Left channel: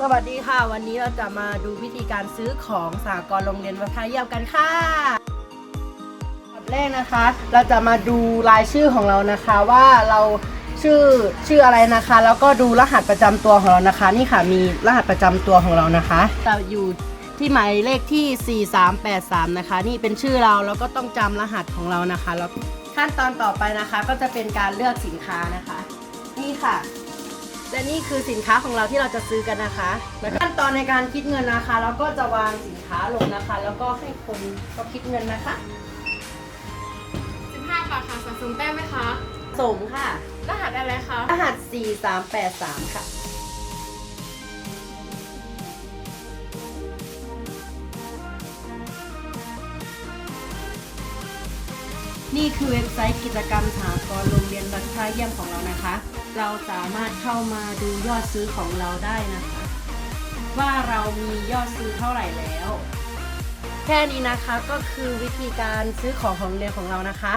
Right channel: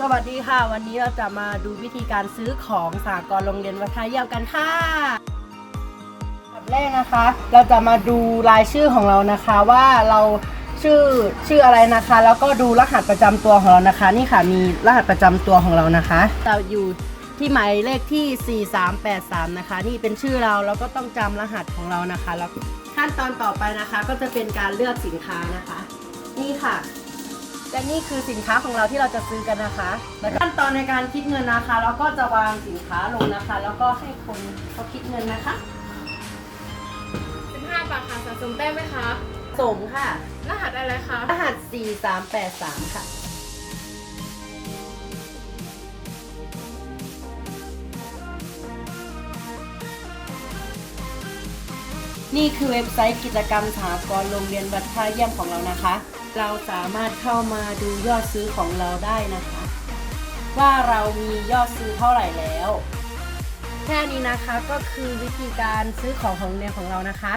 สวัสดีค่ะ วันนี้เราจะมาดูวิธีการซื้อของสากลโรงเรียนวัฒนเยี่ยมกันค่ะแบบแรกนะคะ เราจะมาดูรายชื่อของเรานะคะว่าเราชื่อชื่ออะไรนะคะ แล้วก็ดูรหัสประจำตัวของเรานะคะ นี่ค่ะมีรหัสประจำตัวของเรานะคะเราอยู่ที่หมายเลขที่ 4383 นะคะ นี่เป็นชื่อเราแล้วก็ต้องจำรหัสของเรานะคะแล้วขั้นตอนต่อไปนะคะ ก็จะเป็นการเลือกสินค้านะคะ นี่ค่ะ และนี่คือสินค้าของเราที่เราจะซื้อกันนะคะแล้วขั้นตอนในการคิดเงินนะคะเราก็จะวางสินค้าลงนะคะ แล้วก็ให้คนเขาคิดเงินนะคะ 15 บาทค่ะสะสมแต้มไหมคะ สมค่ะ รหัสอะไรคะ รหัส 4383 ค่ะ นี่คือเว็บไซต์กิจกรรมสหกรณ์โรงเรียนวัดท่าเยี่ยมของเรานะคะ เราสามารถเข้ามาดูยอดซื้อของเราได้นะคะ ว่าเรามียอดซื้อเท่าไหร่แล้ว แค่นี้นะคะก็คือวิธีการซื้อของของเรียนของเรานะคะ